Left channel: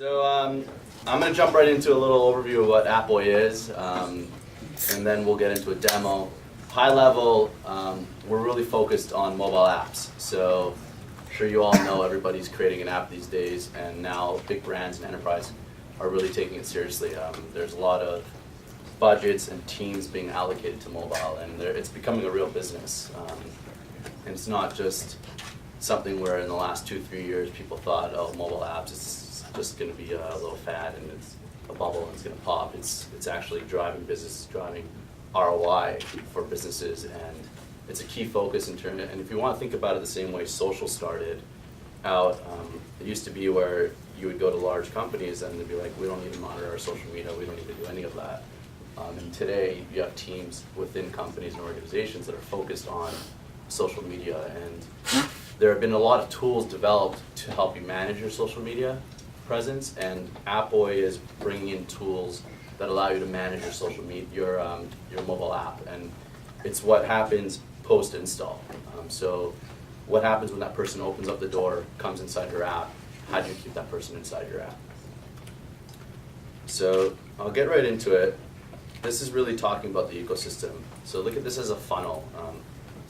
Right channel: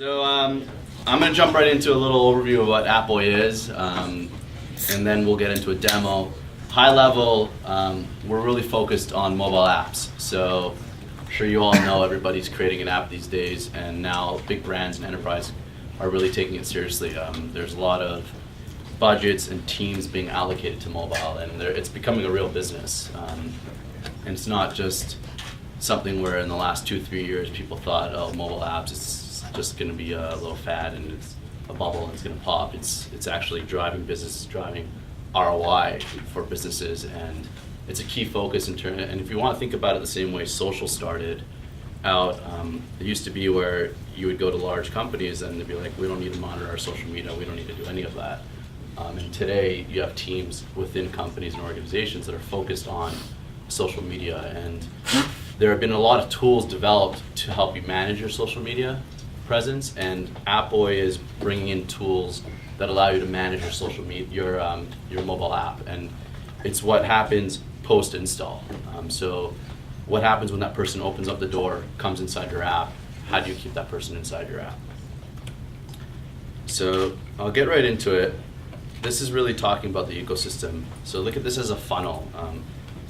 So I'm going to jump right into a little overview of what Appboy is, and then we'll get into a demo. High level, we're really focused on mobile apps. So I'm sure you all know everybody's creating an app these days, and now big brands and enterprise are really taking it seriously. There's a lot of budgets and teams being allocated to mobile, and it's becoming a real business. And it's not just something where in the last 2-3 years people thought, oh, mobile apps, it's just going to be a little fad and it's a bubble and it's going to pop. It's actually driving business, driving ROI for businesses, and it's a key focus in terms. And if you want to think about it the same way social started out, it used to be where you would go to large companies and they'd be like, we don't need to monitor our social media, we don't need to do any of that. And today you have teams within companies and organizations that are focused on social media, and there have been a lot of tools developed to help you manage your social media presence, and Appboy is bringing in tools that allow you to manage your social media, your mobile app, and it's what happens post-install. So what happens when that person opens up the door, comes inside your app? How do you keep that person inside your app? So I'll get right into it. This is really talking about the ecosystem. So look at this as a funnel.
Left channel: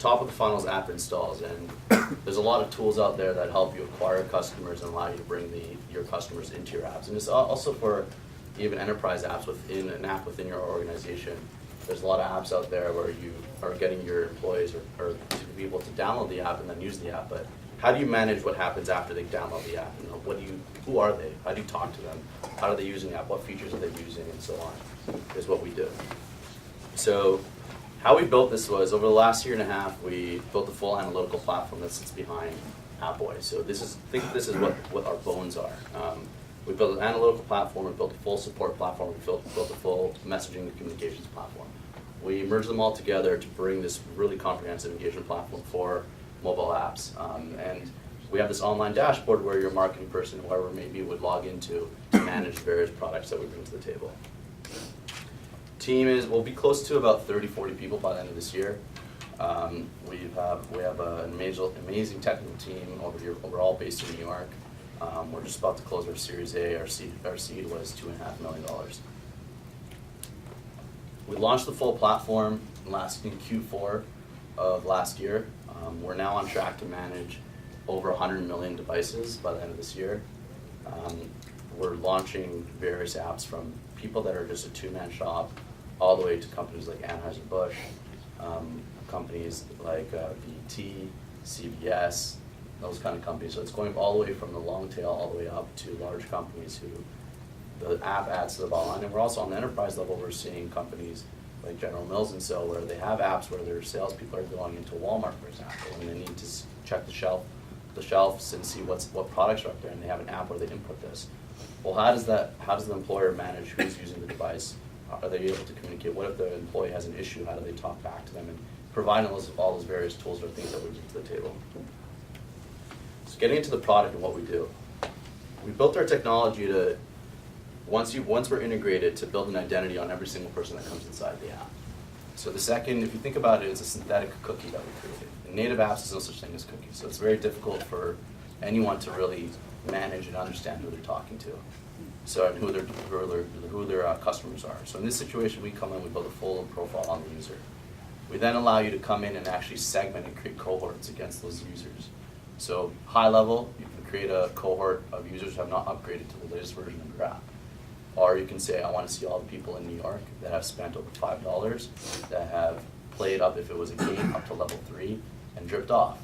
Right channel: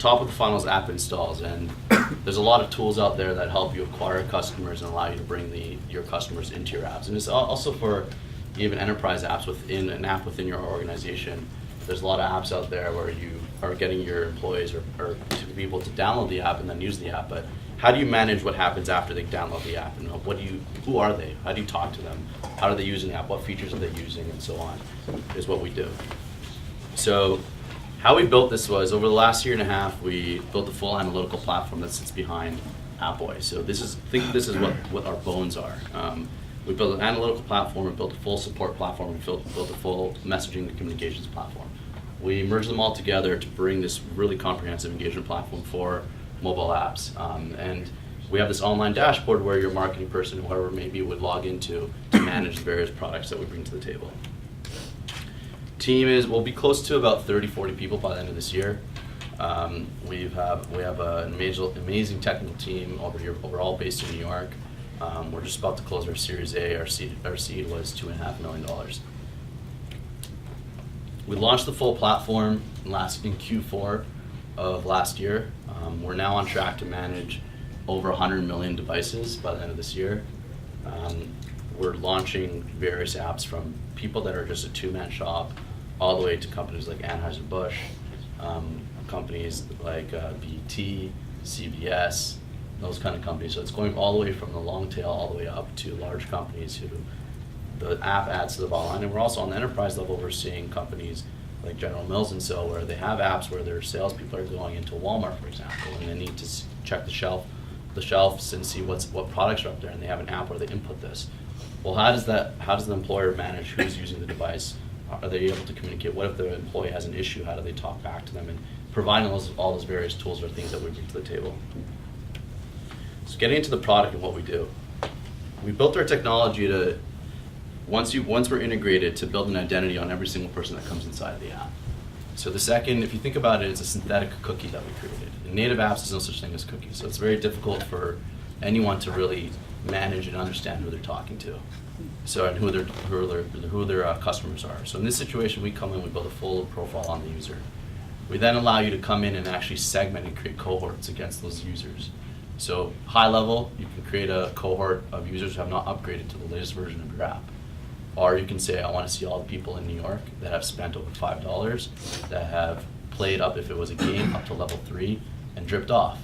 Top of the funnel is app installs, and there's a lot of tools out there that help you acquire customers and allow you to bring your customers into your apps. And it's also for even enterprise apps within an app within your organization. There's a lot of apps out there where you are getting your employees or to be able to download the app and then use the app. But how do you manage what happens after they download the app? And who are they? How do you talk to them? How are they using the app? What features are they using? And so on is what we do. So how we built this was, over the last year and a half, we built a full analytical platform that sits behind Appboy. So think of this is what our bones are. We built an analytical platform, we built a full support platform, we built a full messaging and communications platform. We merged them all together to bring this really comprehensive engagement platform for mobile apps. And we have this online dashboard where your marketing person, whoever it may be, would log into to manage the various products that we bring to the table. Team will be close to about 30-40 people by the end of this year. We have an amazing technical team over here. We're all based in New York. We're just about to close our Series A. Our seed was $2.5 million. We launched the full platform in Q4 of last year. We're now on track to manage over 100 million devices by the end of this year. We're launching various apps from people that are just a two-man shop all the way to companies like Anheuser-Busch, companies like BT, CBS, those kind of companies. So it's going all the way from the long tail all the way up to large companies who the app adds to the bottom line. And we're also on the enterprise level, we're seeing companies like General Mills and so, where they have apps where their salespeople are going into Walmart, for example, and they need to check the shelves and see what products are up there, and they have an app where they input this. Well, how does the employer manage who's using the device? Are they able to communicate? What if the employee has an issue? How do they talk back to them? And providing all those various tools are things that we bring to the table. So getting into the product and what we do. We built our technology to, once we're integrated, to build an identity on every single person that comes inside the app. So the second, if you think about it, it's a synthetic cookie that we created. In native apps, there's no such thing as cookies. So it's very difficult for anyone to really manage and understand who they're talking to. So, and who their customers are. So in this situation, we come in, we build a full profile on the user. We then allow you to come in and actually segment and create cohorts against those users. So high level, you can create a cohort of users who have not upgraded to the latest version of your app. Or you can say, I want to see all the people in New York that have spent over $5, that have played up, if it was a game, up to level 3 and dripped off.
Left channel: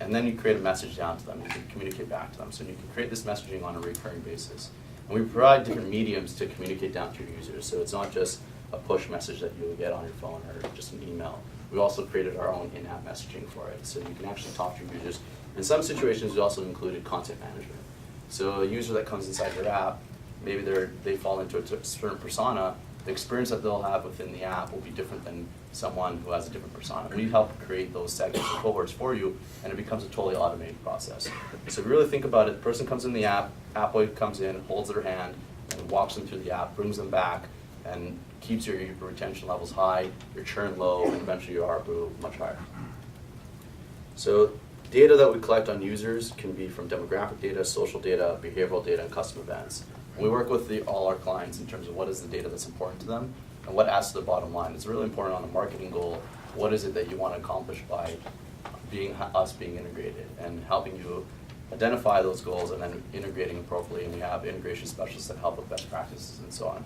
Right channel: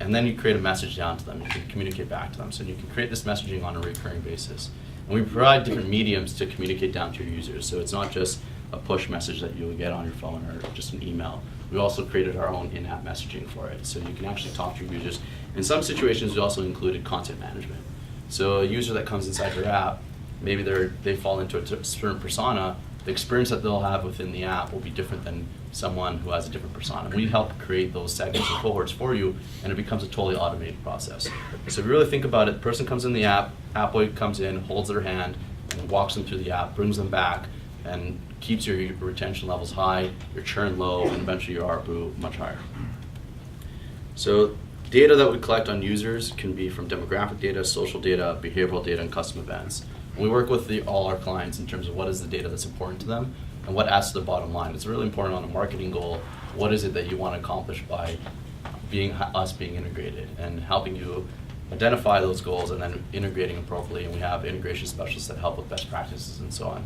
And then you create a message down to them. You can communicate back to them. So you can create this messaging on a recurring basis. And we provide different mediums to communicate down to your users. So it's not just a push message that you would get on your phone or just an email. We also created our own in-app messaging for it. So you can actually talk to your users. In some situations, we also included content management. So a user that comes inside your app, maybe they fall into a certain persona, the experience that they'll have within the app will be different than someone who has a different persona. We help create those segments and cohorts for you, and it becomes a totally automated process. So if you really think about it, the person comes in the app, Appboy comes in, holds their hand, and walks them through the app, brings them back, and keeps your retention levels high, your churn low, and eventually your ARPU much higher. So data that we collect on users can be from demographic data, social data, behavioral data, and custom events. We work with all our clients in terms of what is the data that's important to them and what adds to their bottom line. It's really important on a marketing goal. What is it that you want to accomplish by us being integrated and helping you identify those goals and then integrating appropriately. And we have integration specialists that help with best practices and so on.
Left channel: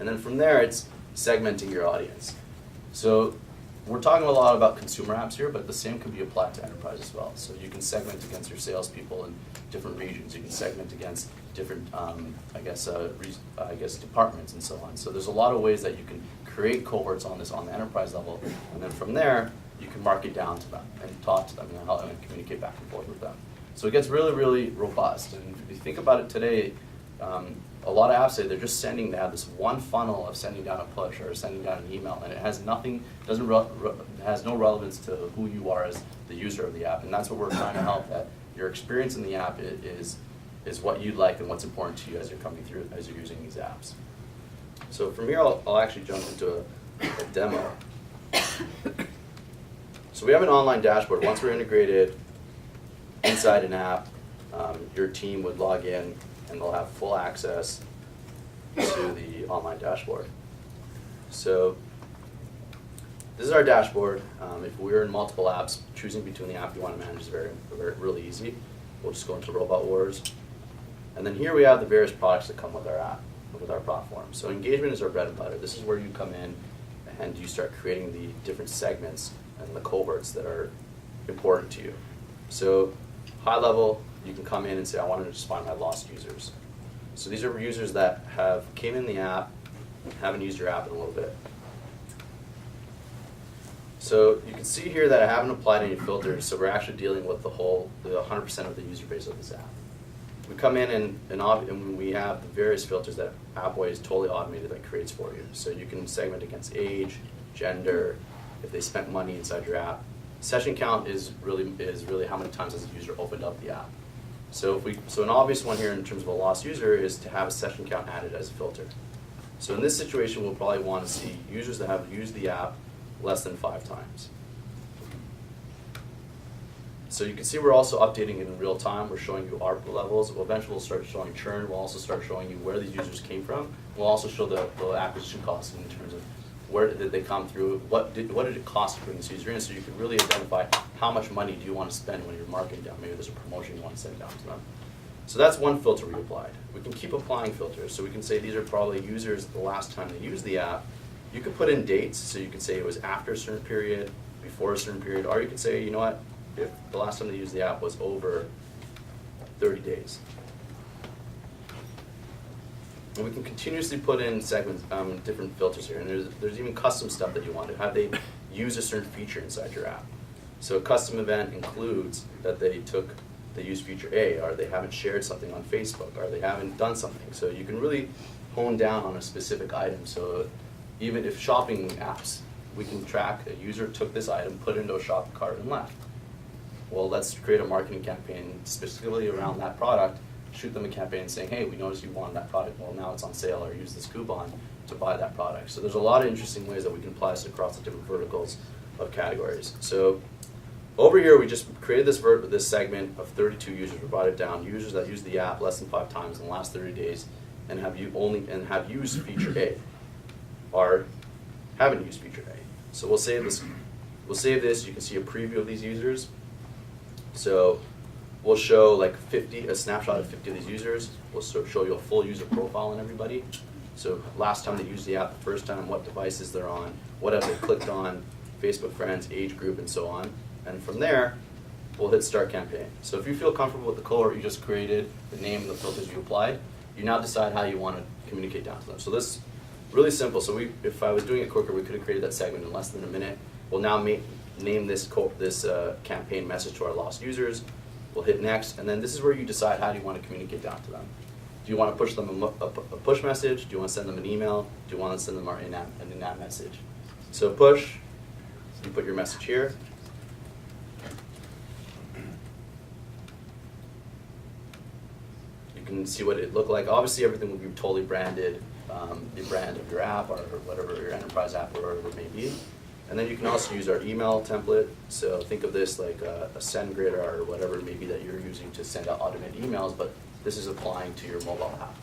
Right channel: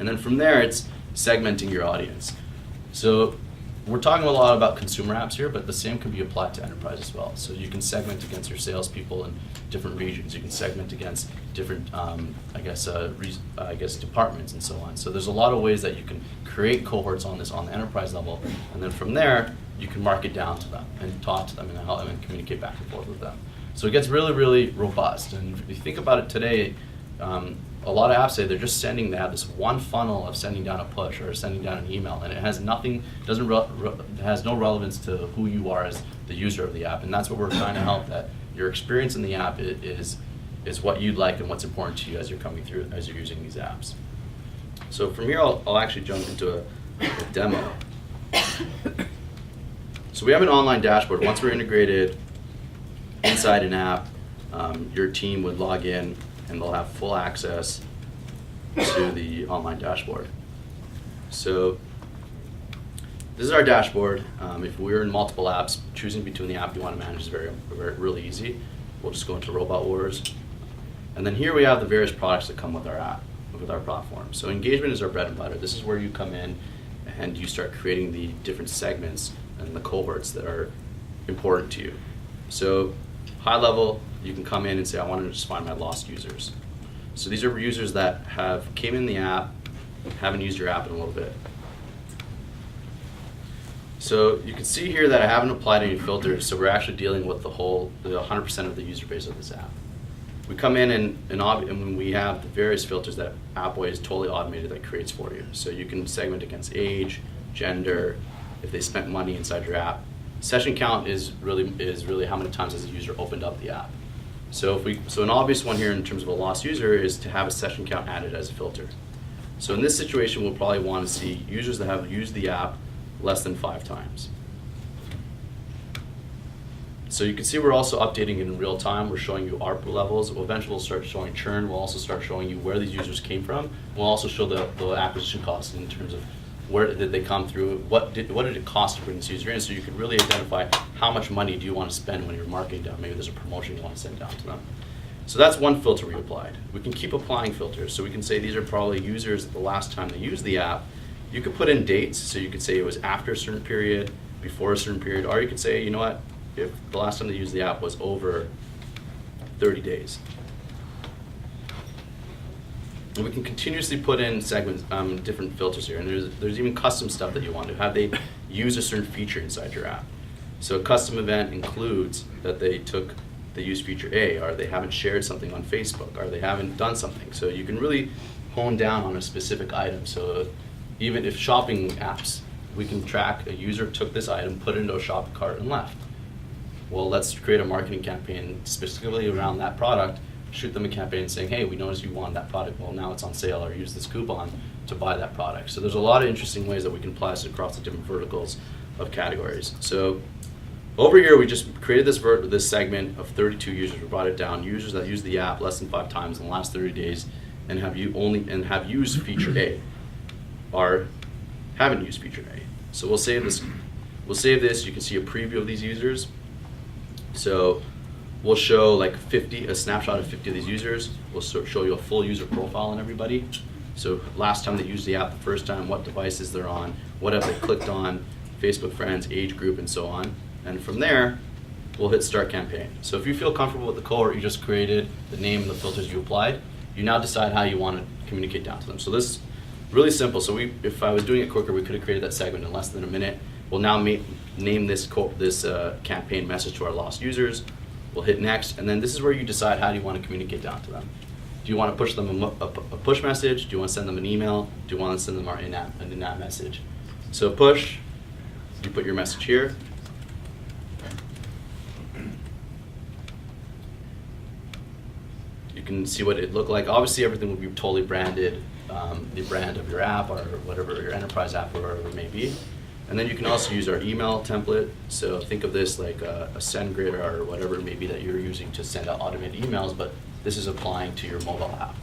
And then from there, it's segmenting your audience. So we're talking a lot about consumer apps here, but the same can be applied to enterprise as well. So you can segment against your salespeople in different regions. You can segment against different, departments and so on. So there's a lot of ways that you can create cohorts on this on the enterprise level, and then from there, you can market down to them and talk to them and help them and communicate back and forth with them. So it gets really, really robust. And if you think about it today, a lot of apps say they're just they have this one funnel of sending down a push or sending down an email, and it has nothing, it has no relevance to who you are as the user of the app. And that's what we're trying to help, that your experience in the app is what you'd like and what's important to you as you're coming through, as you're using these apps. So from here, I'll actually jump into a demo. So we have an online dashboard. Once we're integrated inside an app, your team would log in and they'll have full access to the online dashboard. So this is our dashboard. If we're in multiple apps, choosing between the app you want to manage is really easy. We'll just go into Robot Wars. And then here we have the various products that come with our app, with our platform. So engagement is our bread and butter. This is where you come in and you start creating the different segments and the cohorts that are important to you. So high level, you can come in and say, I want to just find my lost users. So these are users that came in the app, haven't used your app in a little bit. So you can see here that I haven't applied any filters, so we're actually dealing with the 100% of the user base of this app. We come in and we have the various filters that Appboy is totally automated that creates for you. So you can segment against age, gender, if they spent money inside your app. Session count is really how many times has a user opened up the app. So an obvious one here in terms of a lost user is to have a session count added as a filter. So in this situation, we'll probably want to see users that have used the app less than 5 times. So you can see we're also updating in real time. We're showing you ARPU levels. Eventually we'll start showing churn. We'll also start showing you where these users came from. We'll also show the acquisition costs in terms of where did they come through, what did it cost to bring this user in, so you can really identify how much money do you want to spend when you're marketing down. Maybe there's a promotion you want to send down to them. So that's one filter we applied. We can keep applying filters. So we can say these are probably users the last time they used the app. You could put in dates, so you could say it was after a certain period, before a certain period, or you could say, you know what, if the last time they used the app was over 30 days. And we can continuously put in segments, different filters here, and there's even custom stuff that you want to have they use a certain feature inside your app. So a custom event includes that they used feature A, or they haven't shared something on Facebook, or they haven't done something. So you can really hone down on a specific item. So even if shopping apps, we can track a user took this item, put it into a shopping cart, and left. Well, let's create a marketing campaign specifically around that product, shoot them a campaign saying, hey, we noticed you wanted that product, well now it's on sale, or use this coupon to buy that product. So there's a lot of interesting ways that we can apply this across the different verticals of categories. So over here we just created this segment of 32 users. We brought it down, users that use the app less than 5 times in the last 30 days and have used feature A, or haven't used feature A. So we'll save this. You can see a preview of these users. So we'll show like a snapshot of 50 of these users. We'll show you a full user profile on everybody. So last time they used the app, the first time, what devices they're on, what have they clicked on, Facebook friends, age group, and so on. And from there, we'll hit start campaign. So if you feel comfortable with the cohort you just created, the name and the filters you applied, you now decide how you want to communicate down to them. So this is really simple. So if I was doing it quicker, we could have created that segment in less than a minute. We'll now name this campaign message to our lost users. We'll hit next, and then this is where you decide how do you want to communicate down to them. Do you want to push them a push message? Do you want to send them an email? Do you want to send them an in-app message? So push, you put your message here. You can see what it looked like. Obviously everything will be totally branded, the brand of your app or whatever your enterprise app or whatever it may be. And then you can also use our email template. So think of this like a SendGrid or whatever it may be that you're using to send out automated emails, but this is applying to your mobile app.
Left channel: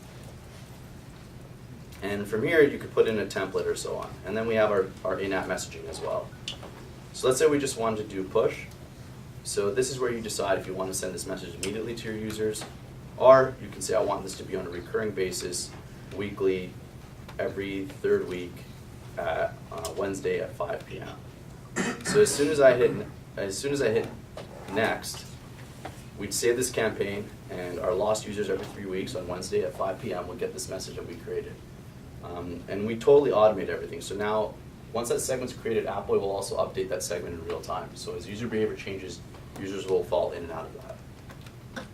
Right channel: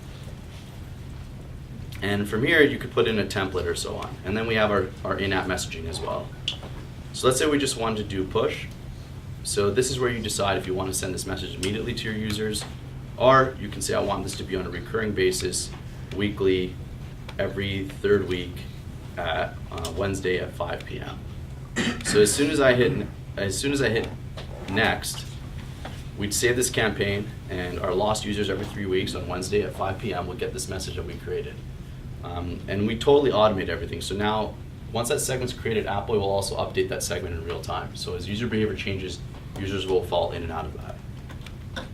And from here, you could put in a template or so on. And then we have our in-app messaging as well. So let's say we just wanted to do push. So this is where you decide if you want to send this message immediately to your users, or you can say, I want this to be on a recurring basis, weekly, every third week, at Wednesday at 5 p.m. So as soon as I hit next, we'd save this campaign, and our lost users every 3 weeks on Wednesday at 5 p.m. will get this message that we created. And we totally automate everything. So now, once that segment's created, Appboy will also update that segment in real time. So as user behavior changes, users will fall in and out of that.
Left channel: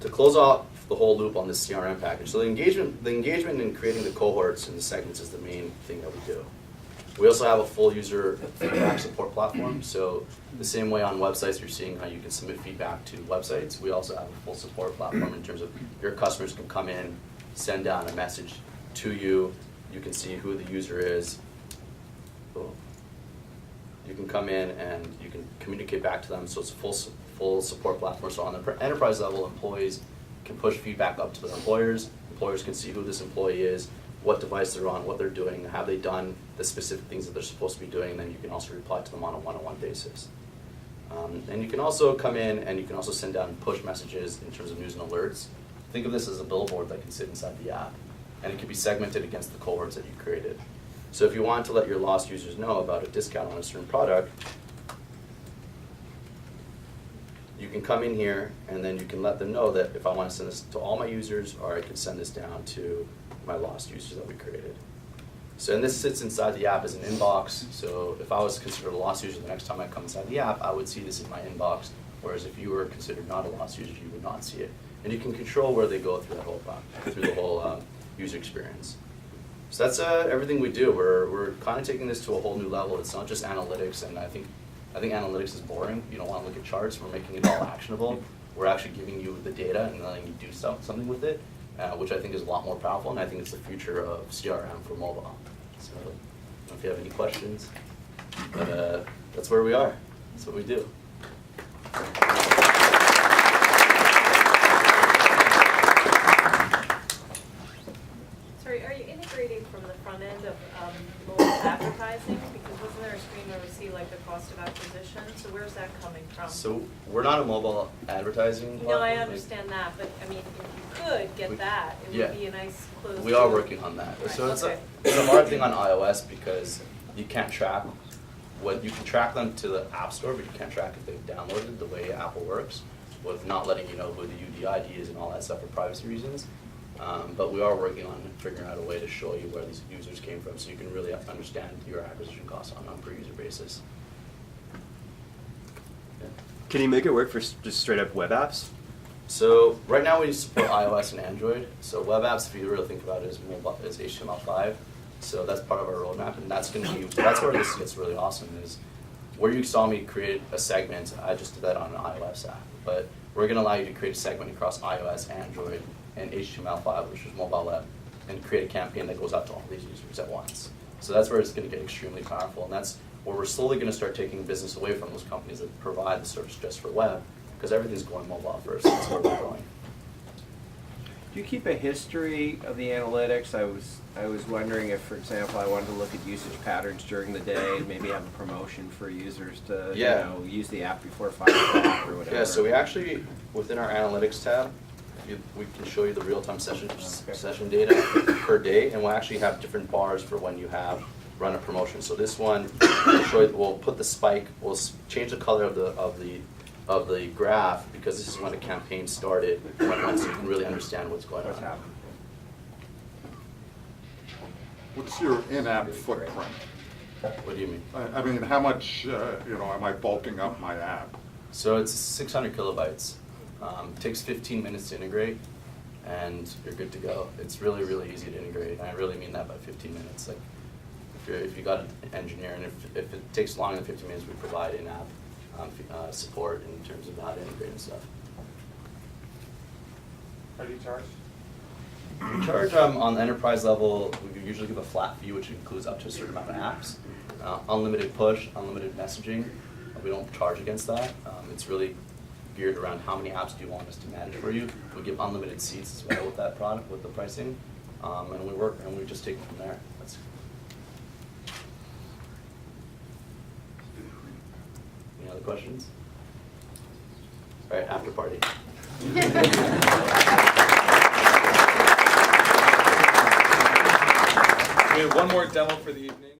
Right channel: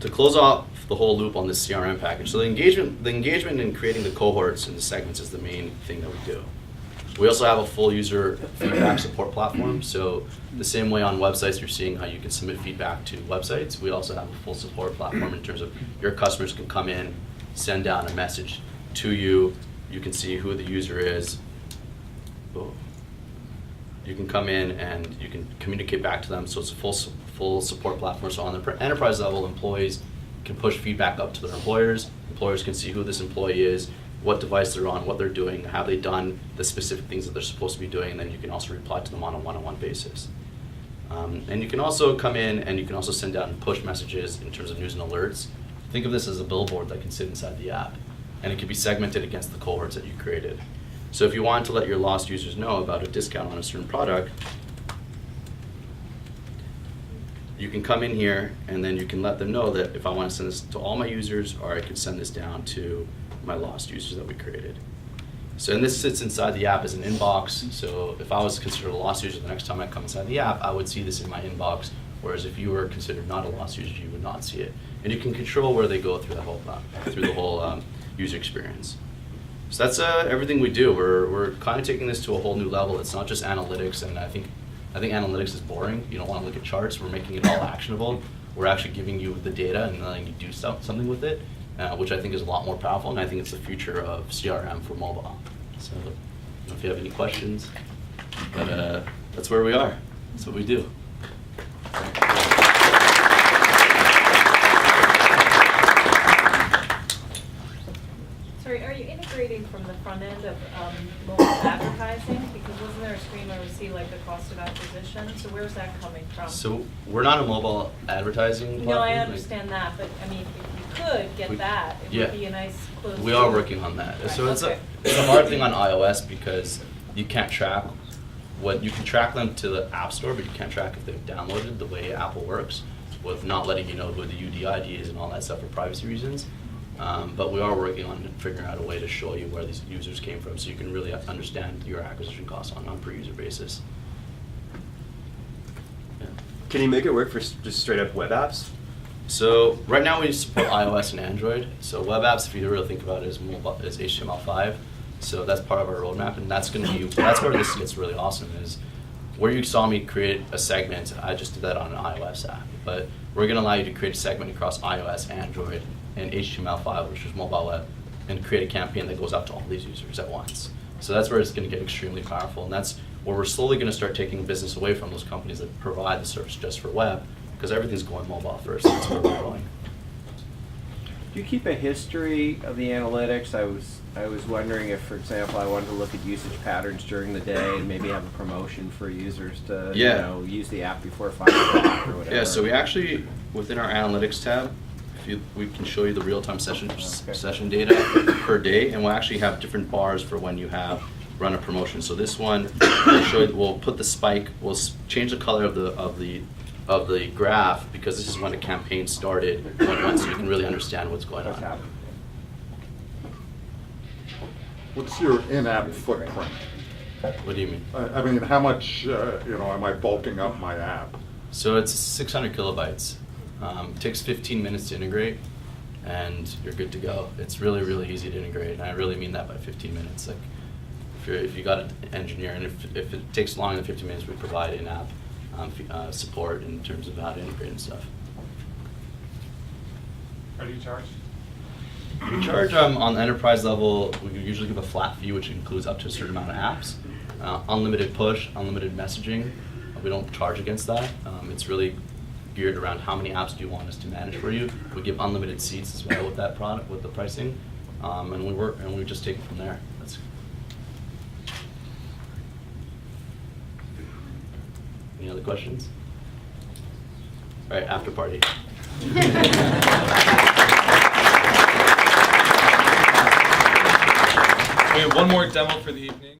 To close off the whole loop on this CRM package, so the engagement in creating the cohorts and the segments is the main thing that we do. We also have a full user feedback support platform. So the same way on websites you're seeing how you can submit feedback to websites, we also have a full support platform in terms of your customers can come in, send down a message to you. You can see who the user is. You can come in and you can communicate back to them. So it's a full support platform. So on the enterprise level, employees can push feedback up to their employers. Employers can see who this employee is, what device they're on, what they're doing, have they done the specific things that they're supposed to be doing, and then you can also reply to them on a one-on-one basis. And you can also come in and you can also send down push messages in terms of news and alerts. Think of this as a billboard that can sit inside the app, and it can be segmented against the cohorts that you created. So if you want to let your lost users know about a discount on a certain product, you can come in here and then you can let them know that if I want to send this to all my users, or I can send this down to my lost users that we created. So and this sits inside the app as an inbox. So if I was considered a lost user, the next time I come inside the app, I would see this in my inbox. Whereas if you were considered not a lost user, you would not see it. And you can control where they go through the whole user experience. So that's everything we do. We're kind of taking this to a whole new level. It's not just analytics, and I think analytics is boring. You don't want to look at charts. We're making it all actionable. We're actually giving you the data and letting you do something with it, which I think is a lot more powerful, and I think it's the future of CRM for mobile. So if you have any questions, but that's where we are. That's what we do. Sorry, are you integrating from the front end of mobile advertising? Because wasn't there a screen where we see like the cost of acquisition? So where's that coming from? So we're not a mobile advertising No, I platform. understand that, but I mean, if you could get that, it would be a nice closed We are loop. working on that. Right, So it's okay. it's a hard thing on iOS because you can't track you can track them to the App Store, but you can't track if they've downloaded the way Apple works, with not letting you know who the UDID is and all that stuff for privacy reasons. But we are working on figuring out a way to show you where these users came from, so you can really understand your acquisition costs on a per user basis. Yeah. Can you make it work for just straight up web apps? So right now we support iOS and Android. So web apps, if you really think about it, is HTML5. So that's part of our roadmap, and that's where this gets really awesome. Is where you saw me create a segment. I just did that on an iOS app, but we're going to allow you to create a segment across iOS, Android, and HTML5, which is mobile web, and create a campaign that goes out to all these users at once. So that's where it's going to get extremely powerful, and that's where we're slowly going to start taking business away from those companies that provide the service just for web, because everything's going mobile first. That's where we're going. Do you keep a history of the analytics? I was wondering if, for example, I wanted to look at usage patterns during the day and maybe have a promotion for users to use the app before 5 o'clock or whatever. Yeah, so we actually, within our analytics tab, we can show you the real-time session data per day, and we'll actually have different bars for when you have run a promotion. So this one, we'll put the spike, we'll change the color of the graph, because this is when the campaign started, so you can really understand what's going on. What's your in-app footprint? What do you mean? I mean, how much, am I bulking up my app? So it's 600 kilobytes. Takes 15 minutes to integrate, and you're good to go. It's really, really easy to integrate, and I really mean that by 15 minutes. Like, if you got an engineer, and if it takes longer than 15 minutes, we provide in-app support in terms of how to integrate and stuff. How do you charge? We charge on the enterprise level. We usually give a flat fee, which includes up to a certain amount of apps. unlimited push, unlimited messaging. We don't charge against that. It's really geared around how many apps do you want us to manage for you. We give unlimited seats as well with that product, with the pricing, and we just take it from there. Any other questions? All right, after party. We have one more demo for the evening.